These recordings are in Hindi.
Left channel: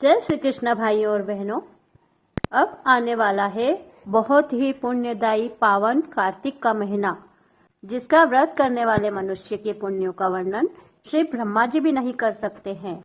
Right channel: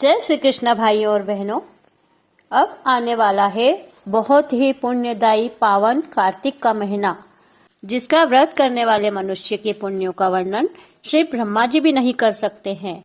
जय श्री कृष्ण भाइयों और बहनों। अब आने वाला है बहुत ही पुण्यदायी पावन कार्तिक का महीना, जिसका व्रत करने वाले मनुष्य के पुण्यों का वर्णन श्री ब्रह्मा जी भी नहीं कर सकते हैं।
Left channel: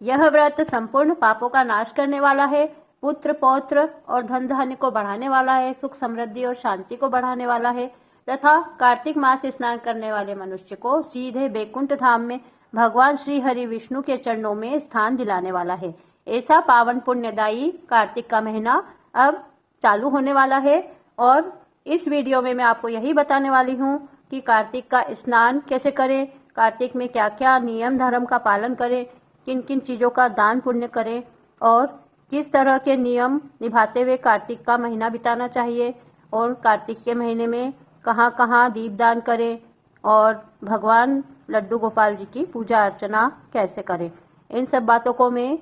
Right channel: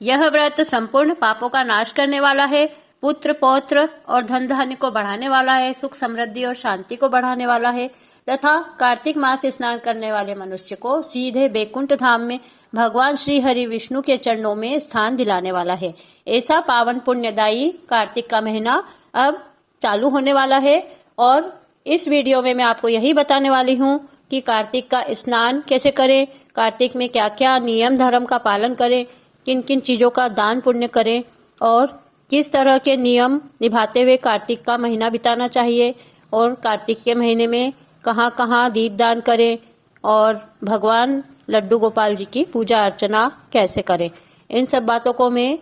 यह व्रत संपूर्ण पापों का नाश करने वाला है, पुत्र पौत्र और धन धान्य को बढ़ाने वाला है, सुख समृद्धि और शांति को बढ़ाने वाला है तथा कार्तिक मास स्नान करने वाले मनुष्य को सीधे बैकुंठ धाम में भगवान श्री हरि विष्णु के चरणों में स्थान दिलाने वाला है। ऐसा पावन पुण्यदायी कार्तिक का महीना अब चालू होने वाला है और इस वीडियो में मैं आपको यही बताने वाली हूँ कि कार्तिक का स्नान कैसे करें, कार्तिक में क्या क्या नियम धर्म का पालन करें, किन किन चीज़ों का दान पुण्य करें और किस तरह के नियम निभाते हुए कार्तिक का महीना बिताना चाहिए और कार्तिक के महीने में कहाँ कहाँ दीपदान करें और भगवान लड्डू गोपाल जी की पूजा अर्चना कैसे करें। इन सब बातों को मैं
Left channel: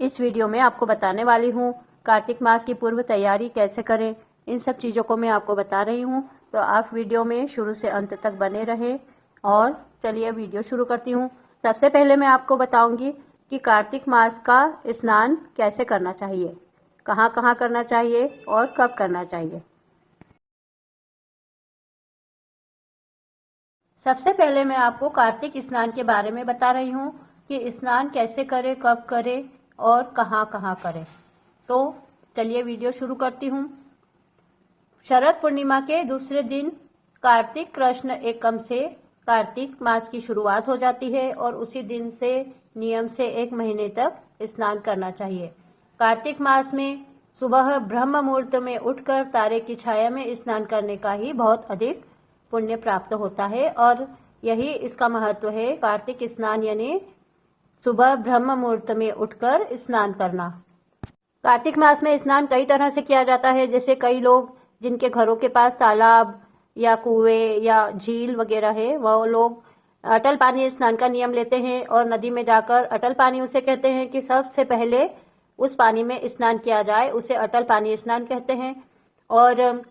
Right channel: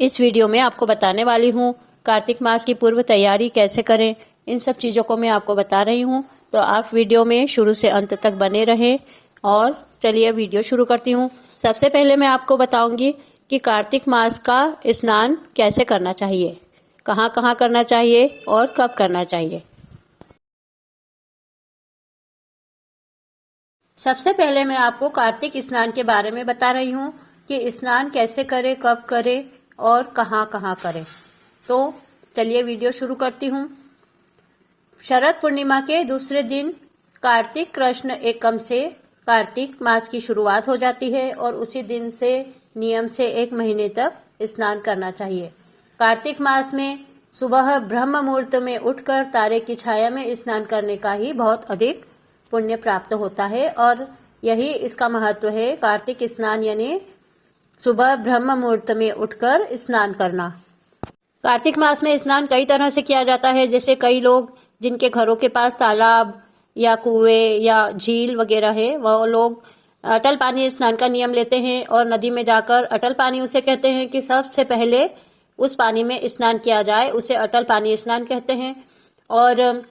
इस वीडियो में आपको बताने वाली हूँ। कार्तिक मास की पूर्व तैयारी कैसे करें, इन सब चीज़ों को मैं आपको बता रही हूँ, तो आप वीडियो में शुरू से अंत तक बने रहें। और चलिए वीडियो शुरू करती हूँ। सबसे पहले मैं आपको बताऊंगी कि कार्तिक मास का स्नान कैसे करना चाहिए, कहाँ कहाँ करना चाहिए और कब करना चाहिए। सबसे पहले मैं आपको कार्तिक स्नान के बारे में बता रही हूँ कि स्नान कैसे करें, कब करें और कहाँ कहाँ करें। तो चलिए वीडियो शुरू करती हूँ। शरद पूर्णिमा के दूसरे दिन कार्तिक कृष्ण एकम से कार्तिक मास की शुरुआत हो जाती है और उसी दिन से नियम से 1 महीने तक स्नान करना चाहिए। कार्तिक मास में सुबह ब्रह्म मुहूर्त में उठकर तारे की छाया में स्नान करने का ही बहुत अधिक पुण्य प्राप्त होता है और यही इसका महत्व है। कार्तिक स्नान यानी सुबह ब्रह्म मुहूर्त में उठकर स्नान करना। कार्तिक मास में स्नान कई तरह से किया जाता है। जैसे कई लोग जिनके घरों के पास तालाब या कुएं या झील वगैरह है, वो लोग अटल पानी स्नान का नियम लेते हैं और नदी में जाकर अटल पानी उसे कहते हैं कि सबसे पहले उस पानी में स्नान किया जाए, उसे अटल पानी स्नान कहते हैं। और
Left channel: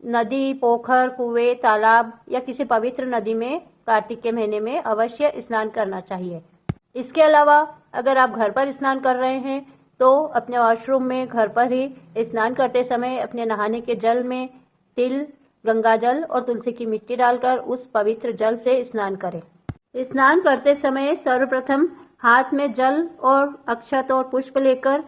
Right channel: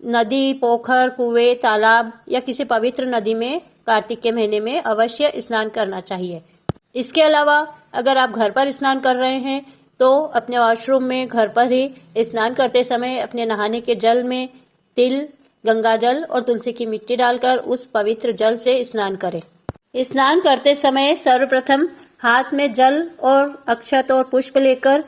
नदी, पोखर, कुएं, तालाब या किसी पवित्र नदी में कार्तिक के महीने में अवश्य स्नान करना चाहिए। इसके अलावा अगर आप घर पर स्नान कर रहे हैं तो अपने वॉशरूम में घर पर ही स्नान करते समय अपने नहाने के जल में तिल, गंगा जल और तुलसी की मिट्टी डालकर उस पवित्र जल से स्नान करें। स्नान करते समय सर्वप्रथम हाथ में जल और अक्षत और पुष्प लेकर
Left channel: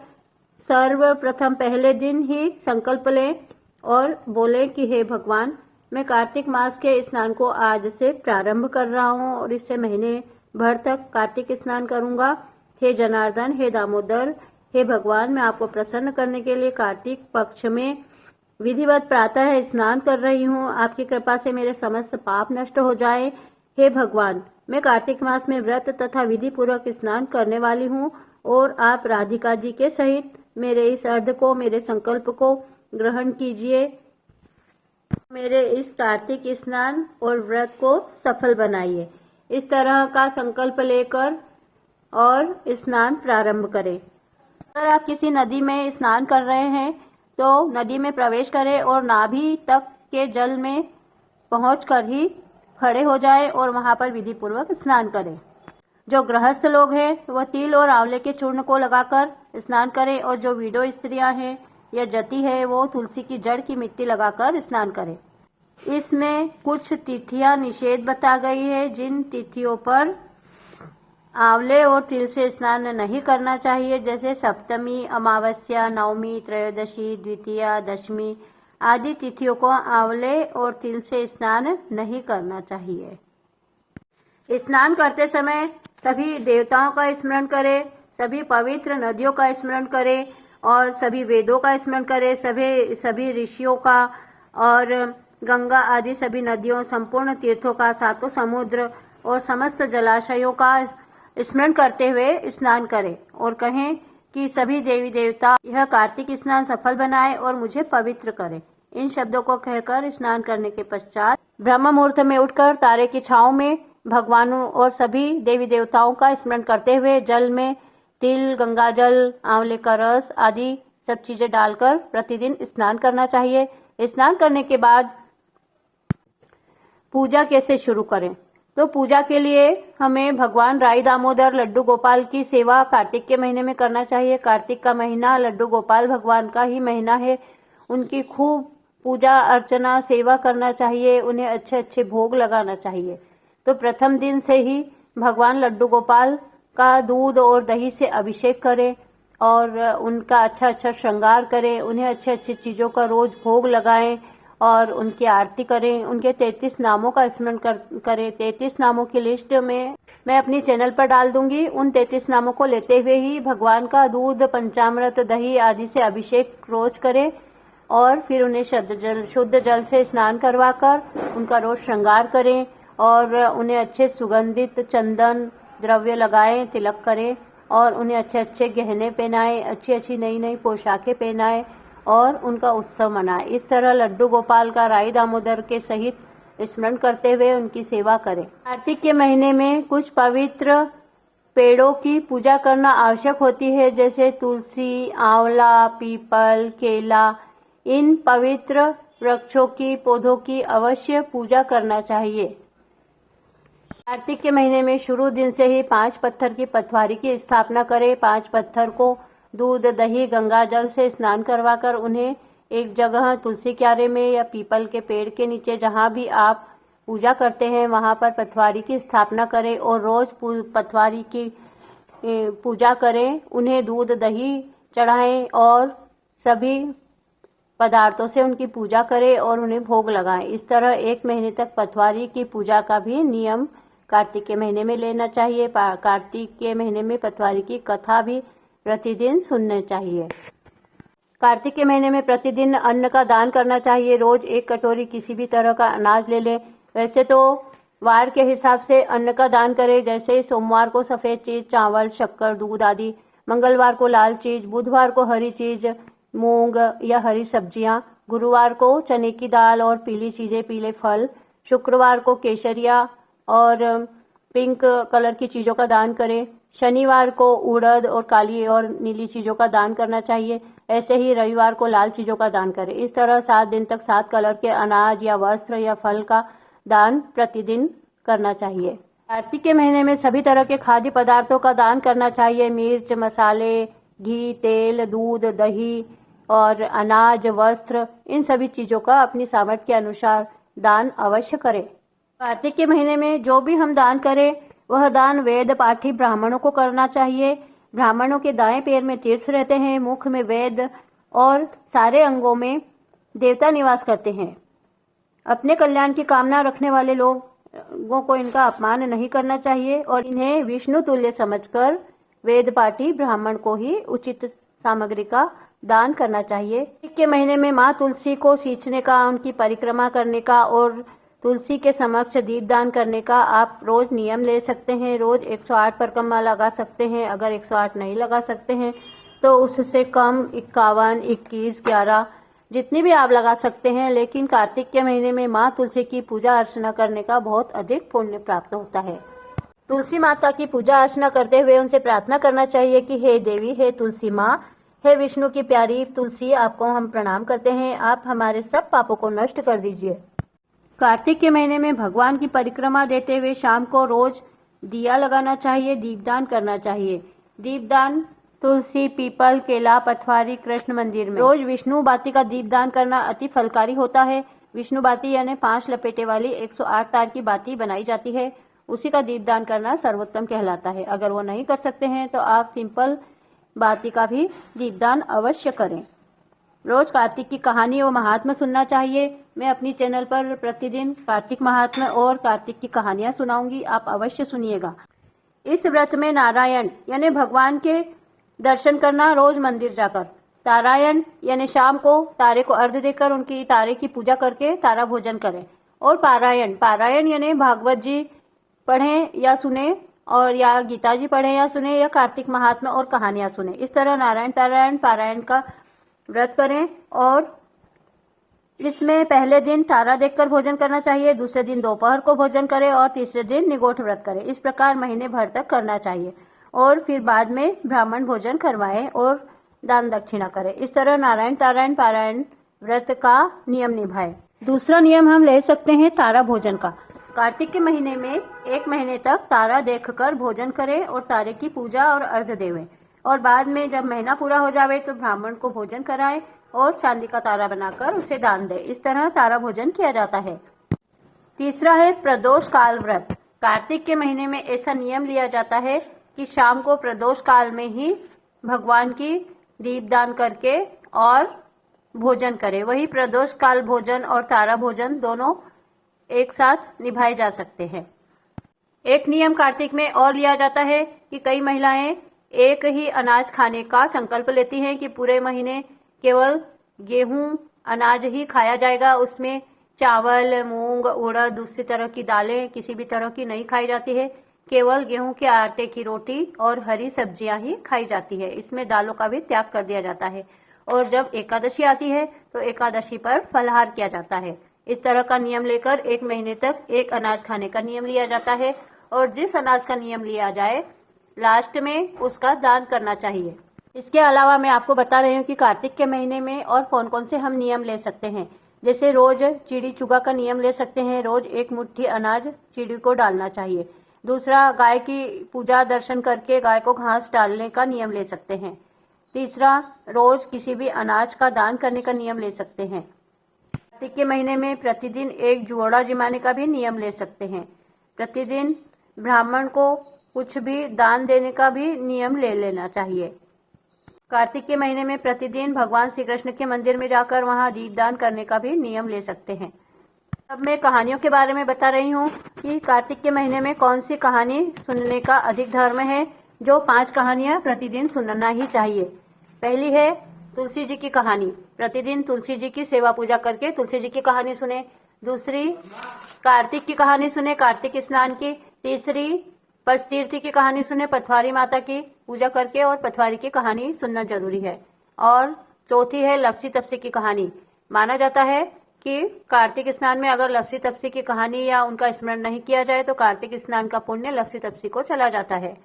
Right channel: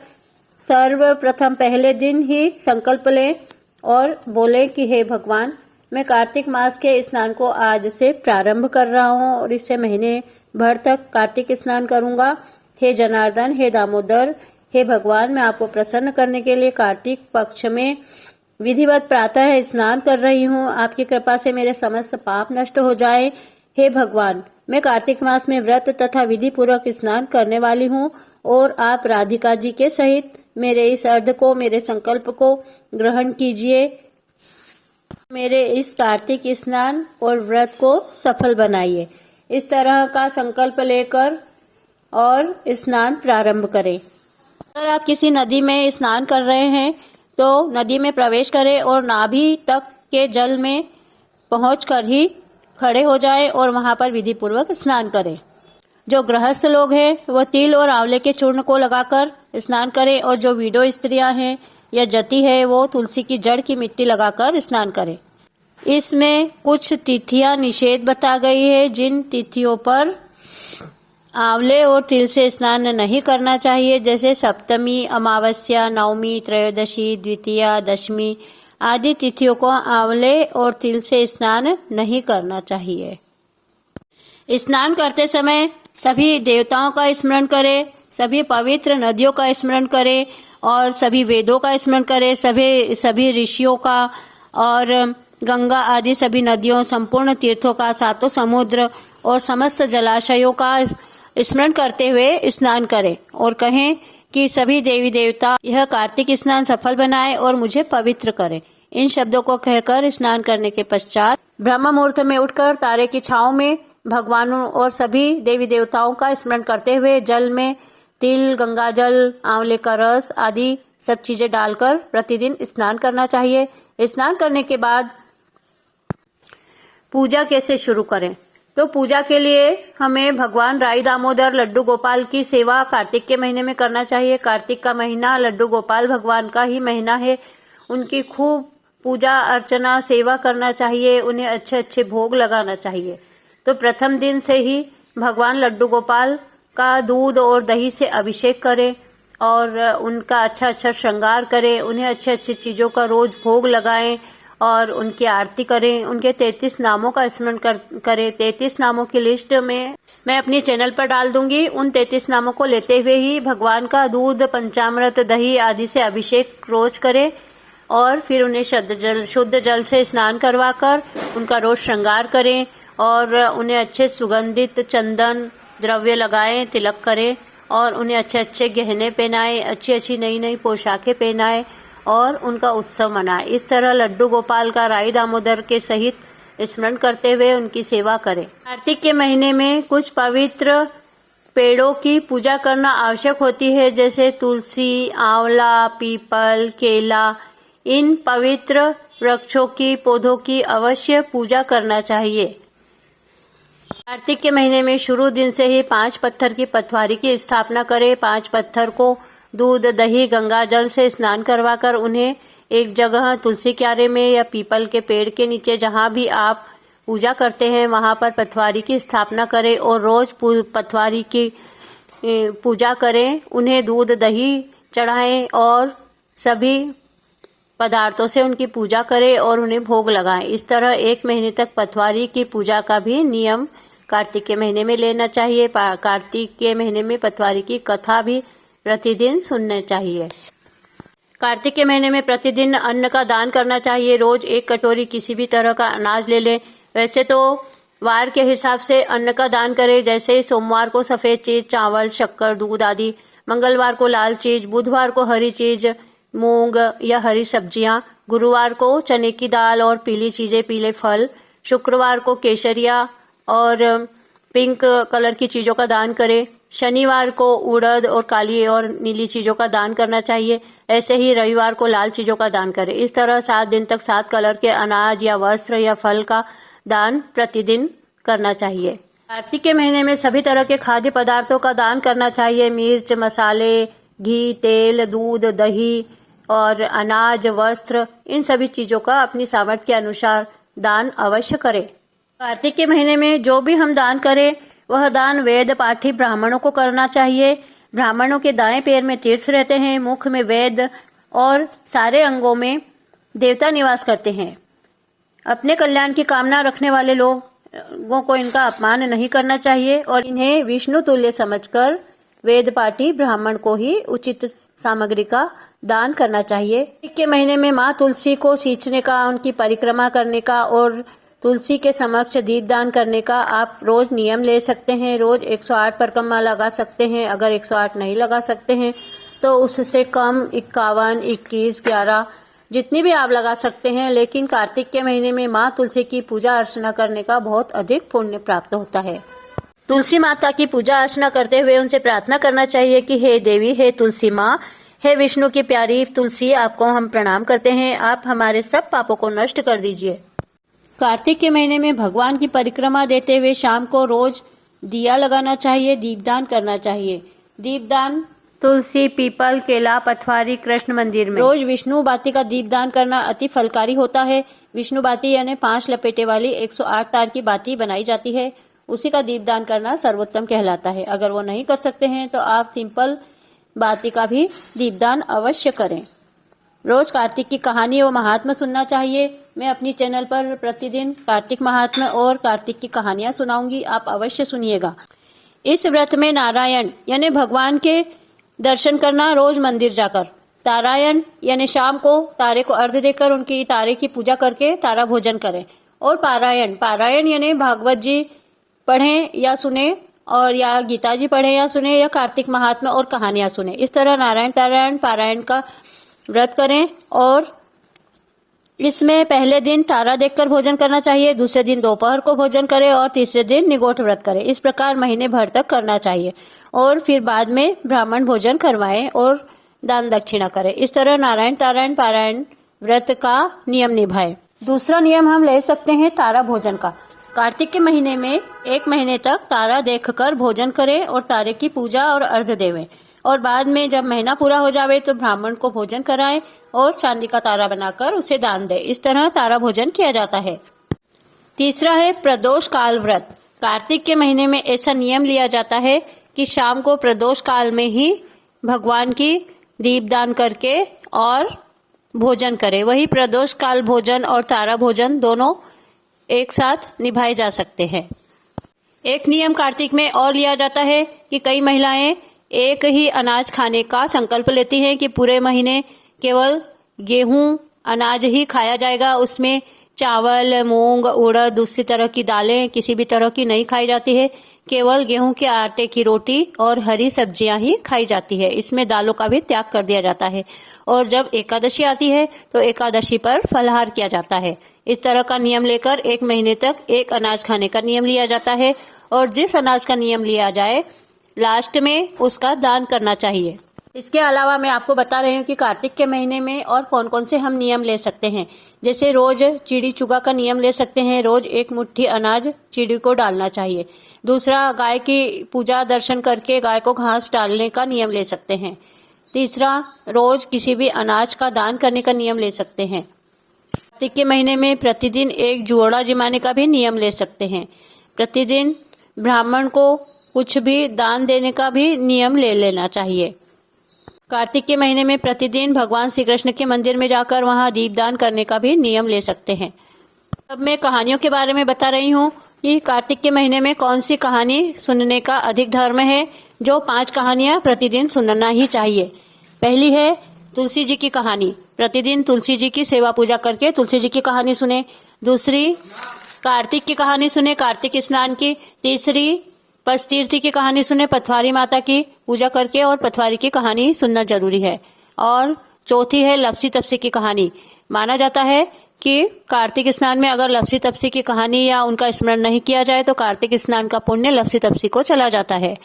सर्वप्रथम पहले दिन ही संकल्प लें और बोलें कि हे भगवान, मैं कार्तिक मास के स्नान को आज से प्रारंभ कर रहा हूँ और इससे महीने भर तक कार्तिक स्नान करूँगा। हे जनार्दन, हे दामोदर, हे भगवान, मैं आपको प्रसन्न करने के लिए कार्तिक पक्ष में विधिवत प्रातः स्नान कर रही हूँ। आपकी कृपा से मेरे समस्त पाप नष्ट हो जाए। हे भगवान, मैं कार्तिक मास में व्रत तथा विधि पूर्वक स्नान करने वाली हूँ और आप राधिका जी के सहित मेरे इस अर्ध को, मेरे संकल्प को ग्रहण कीजिए। मेरे इस कार्तिक स्नान और व्रत को सफल बनाइए। इस तरह का संकल्प लेकर और स्नान प्रारंभ करें। अगर आप किसी नदी में स्नान कर रहे हैं तो नदी में प्रवेश करें और नाभि तक के जल में पहुंचकर ही खड़े हो जाएं और वहां पर विधि पूर्वक स्नान करें। जो गृहस्थ लोग हैं वह तिल और आंवले के चूर्ण को लगाकर स्नान करें और जो विडो स्त्रियां हैं या जति है वो तुलसी की जड़ की मिट्टी लगाकर स्नान करें। इसमें कुछ तिथियां निषेध बता गई है, जिन तिथियों पर आंवले और तिल से स्नान नहीं करना चाहिए, जैसे सप्तमी, अमावस्या, नवमी, त्रयोदशी, द्वितीया, दशमी आदि तिथियों को आंवले और तिल से स्नान नहीं करना चाहिए। स्नान करते समय सभी देवताओं का स्मरण करें, सभी पवित्र नदियों का स्मरण करें और सभी वेदों का स्मरण करें, सभी ऋषियों का और गंगा आदि सभी नदियों, संपूर्ण तीर्थों का, 7 समुद्र और समस्त जलाशयों का स्मरण करते हुए स्नान करें और कहें कि सभी देवी देवता यह कार्तिक स्नान सफल बनाए और मुझे पवित्र करें। इन शब्दों को कहकर स्नान करने के पश्चात ब्रह्म मुहूर्त में उठकर तारे की छांव में भगवानों और सभी देवी देवताओं का स्मरण करते हुए जल में तिल, गंगा जल, आंवले का रस आदि सब चीजें डालकर प्रतिदिन स्नान करना चाहिए। स्नान करने के बाद पूजा कैसे शुरू करें। तो पूजा के लिए हमें भगवान राई दामोदर लड्डू गोपाल की सेवा कार्तिक के महीने में करना चाहिए। कार्तिक का महीना लड्डू गोपाल भगवान का ही महीना है। उनकी खूब पूजा अर्चना सेवा करना चाहिए, उन्हें अच्छे अच्छे भोग लगाना चाहिए। तो प्रथम दिन से ही भगवान लड्डू गोपाल का दूध और दही से अभिषेक करें और उनका अच्छा अच्छा श्रृंगार करें, उन्हें अच्छे अच्छे चीज़ों का रोज भोग लगाएं और उनकी आरती करें। उनके 33 नामों का स्मरण करें। 33 नामों की लिस्ट में मैं अपनी चैनल पर डाल दूंगी। उन 33 नामों को लेते हुए ही भगवान का दूध, पंचामृत, दही आदि से अभिषेक रोज करें और फिर उन्हें शुद्ध जल से स्नान करवाकर उनका रोज श्रृंगार करें और उन्हें अच्छे सुगंधित चंदन द्रव्य लगाएं, तिलक करें और उन्हें अच्छे अच्छे गहने पहनाएं, अच्छी अच्छी नई नई पोशाकें पहनाएं और उनका उत्सव मनाएं। इस तरह लड्डू गोपाल का राई दामोदर के सहित स्मरण करते हुए उनकी सेवा करें। कार्तिक के महीने में कुछ पवित्र पेड़ों की पूजा करना आवश्यक होती है, जैसे तुलसी, आंवला, पीपल, केला। इन पवित्र वृक्षों की पौधों की अवश्य पूजा करना चाहिए। कार्तिक के महीने में शुरू दिन से ही 5 पत्थर की पटवारी की स्थापना करें। 5 पत्थर को दूध, दही, गंगा जल से स्नान करवाकर उन्हें एक जगह तुलसी क्यारे में या पीपल के पेड़ के नीचे जहां भी आप पूजा करते हैं वहां पर पटवारी की स्थापना करें और रोज पटवारी की पूजा करें। उन्हें दूध, दही चढ़ाएं और सभी पदार्थों से उनकी पूजा करें और उन्हें भोग लगाएं। इस तरह 1 महीने तक पटवारी की पूजा का भी नियम कार्तिक के महीने में लेना चाहिए। कार्तिक के महीने में पटवारी की कथा भी प्रतिदिन सुनने चाहिए। कार्तिक के महीने में प्रतिदिन अन्न का दान करना चाहिए। रोज 1 कटोरी किसी भी तरह का अनाज ले लें। वैसे तो वार के हिसाब से अन्न का दान करें, जैसे सोमवार को सफेद चीज, चावल, शक्कर, दूध आदि, मंगलवार को लाल चीज, बुधवार को हरी चीज, मूंग या हरी सब्जियां, गुरुवार को चने की दाल और पीली चीजें, पीले फल, शुक्रवार को केसरिया और पिंक कलर की चीजों का दान करें। शनिवार को उड़द और काली और नीली चीजों का दान करना चाहिए। ऐसे ही रविवार को लाल चीजों का दान करें। इस तरह 7 दिन तक 7 कलर के अनाज या वस्त्र या फल का दान प्रतिदिन करना चाहिए। कार्तिक के महीने में सभी तरह के खाद्य पदार्थों का दान करना चाहिए। मिर्च, मसाले, घी, तेल, दूध, दही और अनाज, वस्त्र, इन सभी चीजों का अपनी सामर्थ्य के अनुसार दान अवश्य करें। कार्तिक के महीने में जो भी हम दान करें वह दान वेद पाठी ब्राह्मणों को करना चाहिए। ब्राह्मणों के दाएं पैर में तीर्थ रहते हैं, मुख में वेद और सारे अंगों में देवता निवास करते हैं। अपने कल्याण की कामना रखने वाले लोगों को इनका अपमान नहीं करना चाहिए और इन्हें विष्णु तुल्य समझकर वेद पाठी ब्राह्मण को ही उचित सामग्री का दान करना चाहिए। कार्तिक के महीने में माँ तुलसी को सींचने का, उनकी परिक्रमा करने का और तुलसी के समक्ष दीपदान करने का आप रोज नियम ले सकते हैं। रोज 108 परिक्रमा लगा सकते हैं। अगर 108 नहीं लगा सकते हैं तो उससे कम 51, 21, 11 जितनी भी आप लगा सकते हैं। लेकिन कार्तिक के महीने में माँ तुलसी की पूजा अर्चना करने का बहुत अधिक पुण्य प्राप्त होता है। तुलसी माता की पूजा अर्चना करते हुए उनसे प्रार्थना करना चाहिए कि हे देवी, हे तुलसी माँ, हे विष्णु की प्यारी तुलसी, आपको हम प्रणाम करते हैं। आप हमारे सब पापों को नष्ट कर दीजिए। कार्तिक के महीने में भगवान की परिक्रमा देते हुए शाम को रोज दिया लगाना चाहिए, दीपदान करना चाहिए। दीपदान तुलसी, पीपल, केला, पटवारी, कृष्ण मंदिर में। रोज विष्णु बाती का दीपदान करना अति फलकारी होता है। विष्णु बाती यानी 5 लपेटे वाली 108 तार की बाती बनाई जाती है, उसी का दीपदान करना सर्वोत्तम कहलाता है। अगर वो नहीं कर सकते हैं तो आप सिंपल बाती का भी दीपदान अवश्य करें। रोज कार्तिक की कहानी और महात्मा सुनना चाहिए। मैं अपनी चैनल पर प्रतिदिन कार्तिक महात्मा और कार्तिक की कहानियां सुनाऊंगी, आप अवश्य सुनिएगा। इस व्रत में नारायण यानी भगवान के दर्शन करना, रोज मंदिर जाकर। तारायण यानी शाम को तारे को अर्घ्य देकर उनकी तारे की पूजा करके तारा भोजन करें। और पारायण यानी भागवत जी पढ़ें या सुने और या गीता जी पढ़ें या सुने या कार्तिक महात्मा और कहानियां सुने। इस तरह नारायण तारायण पारायण का व्रत करें और इसमें पहले दिन तारा देखकर भोजन करना चाहिए, दूसरे दिन दोपहर को भोजन करें और तीसरे दिन निगोठ व्रत करें। इस प्रकार महीने भर तक करना चाहिए और फिर बाद में ब्राह्मण भोजन करवाएं और दान दक्षिणा करें। इस तरह नारायण तारायण पारायण व्रत का नियम निभाएं। दूसरा नियम हम ले सकते हैं तारा भोजन का। कार्तिक के महीने में 1 महीने तक तारा देखकर भोजन करें और तारे की पूजा और अर्घ्य देवें, और बाद में जब महीना पूरा हो जावे तो ब्राह्मण को भोजन कराएं और चांदी का तारा बनाकर उसे दान दें। इस तरह तारा भोजन किया जाता है। तीसरा है प्रदोष काल व्रत। कार्तिक के महीने में ऐसा नियम लिया जाता है कि शाम को प्रदोष काल में ही भगवान की दीपदान करके और भोजन करें। वही प्रदोष काल भोजन और तारा भोजन दोनों एक साथ निभाए जा सकते हैं। एक नियम कार्तिक में और लिया जाता है कि कई महिलाएं एक ही अनाज खाने का संकल्प लेती हैं कि पूरे महीने केवल गेहूं अनाज ही खाया जाएगा, उसमें चावल, मूंग, उड़द, दूसरी तरह की दालें किसी भी तरह की नहीं खाई जाती है। केवल गेहूं के आटे की रोटी और हरी सब्जियां ही खाई जाती है। इसमें दालों का भी त्याग कर दिया जाता है। और जब एकादशी आती है तो एकादशी पर फलाहार किया जाता है। इस तरह का नियम लेकर 1 महीने तक एक अनाज खाने का नियम लिया जाता है, और जिस अनाज का नियम लिया जाए लास्ट में उसका दान करना चाहिए। इसके अलावा मैं आपको बता रही हूँ कि कार्तिक के महीने में और कौन कौन से हम नियम ले सकते हैं। जैसे रोज चिड़ी चुगा का नियम ले सकते हैं, रोज 1 मुट्ठी अनाज चिड़ी को डालना चाहिए। दूसरा, गाय की पूजा दर्शन करके गाय को घास डालने का नियम ले सकते हैं। तीसरा, रोज किसी भी अनाज का दान करने का नियम ले सकते हैं। कार्तिक के महीने में प्रतिदिन 1 जुआड़ा जिमाने का भी नियम ले सकते हैं। प्रतिदिन ब्राह्मण को कुछ भी दान देने का भी नियम ले लेना चाहिए। कार्तिक के महीने में प्रतिदिन भगवान श्री कृष्ण के मंदिर में जाकर वहां दीपदान करने का भी नियम ले सकते हैं। अब मैं कहानियों के बारे में बता रही हूँ कि कार्तिक के महीने में कौन सी कहानी सुनने का अधिक धर्म है। जो 5 कहानियां प्रतिदिन सुनना ही चाहिए। पहली है तुलसी जी की कहानी। प्रतिदिन तुलसी जी की सेवा पूजा करके तुलसी जी की कहानी सुने। दूसरी, कार्तिक की कहानी सुने, कार्तिक स्नान की। तीसरी, पशतीर्थी की कहानी सुने, पथवारी माता की पूजा करके, और पथवारी की कहानी सुनना जरूरी है। और चौथी है लपसी तपसी की कहानी। माना जाता है कि कार्तिक स्नान में अगर लपसी तपसी की कहानी या उनका स्मरण नहीं किया जाए तो कार्तिक स्नान का पुण्य लपसी तपसी को चला जाता है।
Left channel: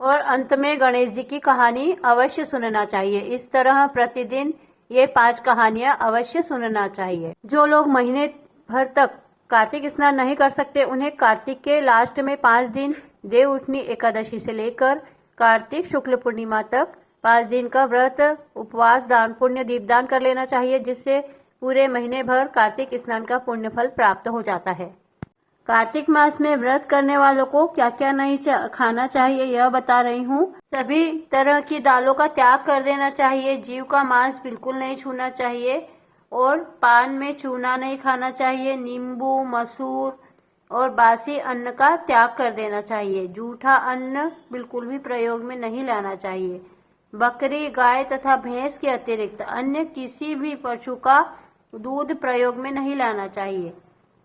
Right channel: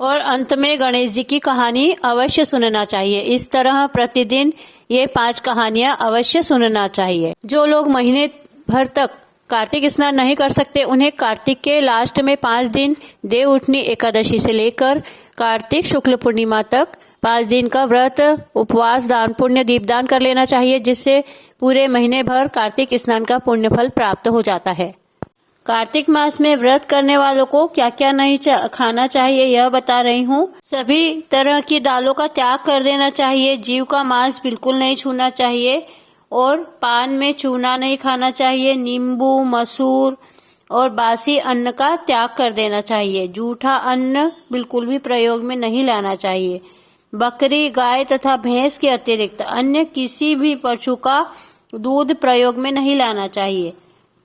और अंत में गणेश जी की कहानी अवश्य सुनना चाहिए। इस तरह प्रतिदिन ये 5 कहानियां अवश्य सुनना चाहिए। जो लोग महीने भर तक कार्तिक स्नान नहीं कर सकते उन्हें कार्तिक के लास्ट में 5 दिन देव उठनी एकादशी से लेकर कार्तिक शुक्ल पूर्णिमा तक 5 दिन का व्रत, उपवास, दान पुण्य, दीपदान कर लेना चाहिए, जिससे पूरे महीने भर कार्तिक स्नान का पुण्य फल प्राप्त हो जाता है। कार्तिक मास में व्रत करने वालों को क्या क्या नहीं खाना चाहिए यह बता रही हूँ। सभी तरह की दालों का त्याग कर देना चाहिए। जीव का मांस बिल्कुल नहीं छूना चाहिए, और पान में चूना नहीं खाना चाहिए। नींबू, मसूर और बासी अन्न का त्याग कर देना चाहिए। जूठा अन्न बिल्कुल भी प्रयोग में नहीं लाना चाहिए। बकरी, गाय तथा भैंस के अतिरिक्त अन्य किसी भी पशु का दूध प्रयोग में नहीं लाना चाहिए।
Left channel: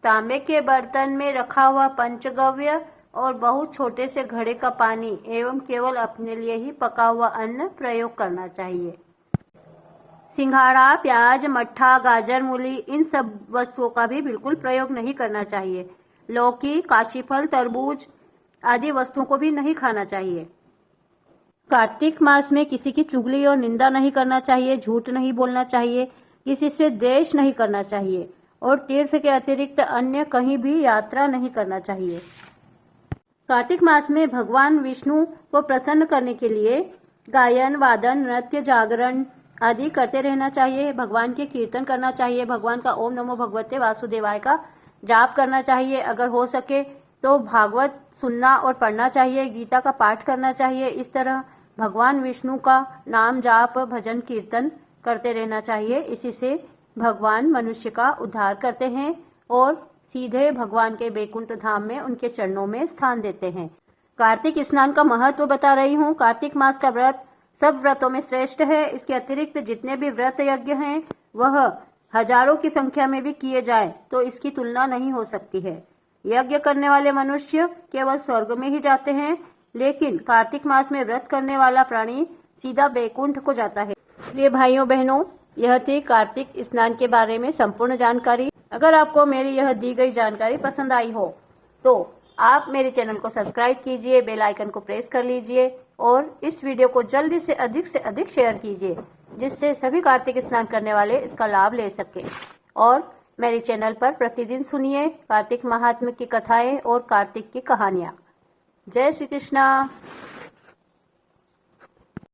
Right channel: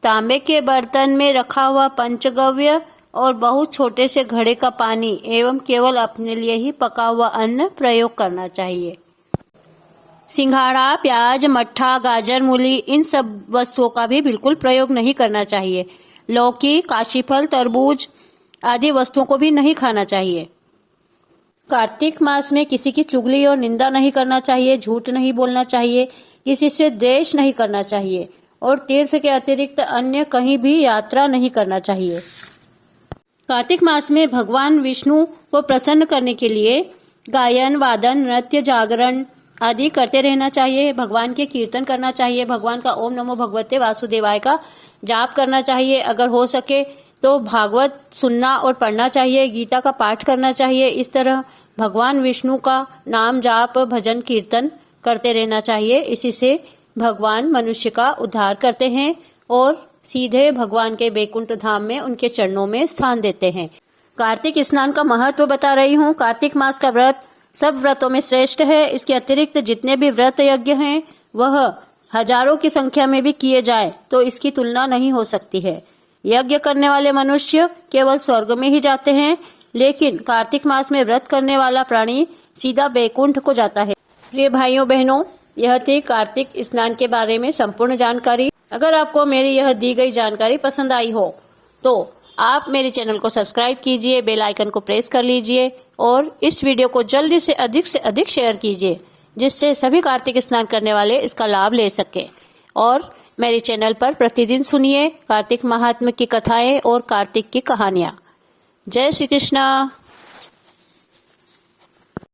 तांबे के बर्तन में रखा हुआ पंचगव्य और बहुत छोटे से घड़े का पानी एवं केवल अपने लिए ही पका हुआ अन्न प्रयोग करना चाहिए। सिंघाड़ा, प्याज, मट्ठा, गाजर, मूली इन सब वस्तुओं का भी बिल्कुल प्रयोग नहीं करना चाहिए। लौकी, काशीफल, तरबूज आदि वस्तुओं को भी नहीं खाना चाहिए। कार्तिक मास में किसी की चुगली और निंदा नहीं करना चाहिए, झूठ नहीं बोलना चाहिए, किसी से द्वेष नहीं करना चाहिए, और तीर्थ के अतिरिक्त अन्य कहीं भी यात्रा नहीं करना चाहिए। कार्तिक मास में भगवान विष्णु को प्रसन्न करने के लिए गायन, वादन, नृत्य, जागरण आदि करते रहना चाहिए। भगवान के कीर्तन करना चाहिए। भगवान का ओम नमो भगवते वासुदेवाय का जाप करना चाहिए। अगर हो सके तो भागवत सुनना और पढ़ना चाहिए। गीता का पाठ करना चाहिए। इस तरह भगवान विष्णु का नाम जाप, भजन, कीर्तन करते रहना चाहिए। इसी से भगवान मनुष्य का उद्धार करते हैं और सीधे भगवान के बैकुंठ धाम में उनके चरणों में स्थान देते हैं। कार्तिक स्नान का महत्व बता रही हूँ। कार्तिक मास का व्रत सब व्रतों में श्रेष्ठ है। इसके अतिरिक्त जितने भी व्रत यज्ञ हैं वह हजारों की संख्या में भी किए जाए तो इसकी तुलना नहीं हो सकती है। यज्ञ करने वाले मनुष्य केवल स्वर्ग में ही जाते हैं, लेकिन कार्तिक मास में व्रत करने वाला प्राणी सीधा बैकुंठ को जाता है। प्रिय भाइयों बहनों, यह थी कार्तिक स्नान के बारे में संपूर्ण जानकारी। अगर आपको मेरी यह दी गई जानकारी पसंद आई हो तो आप मेरे चैनल को सब्सक्राइब कीजिए, बेल आइकन को प्रेस कर लीजिए और इस वीडियो को जल्दी से अधिक शेयर कीजिए, जिससे सभी कार्तिक स्नान करने वाले इसका लाभ ले सकें। और मेरे चैनल पर प्रतिदिन सुनिए कार्तिक महात्म्य की कथाएं और कार्तिक की कहानियां। जय श्री कृष्णा।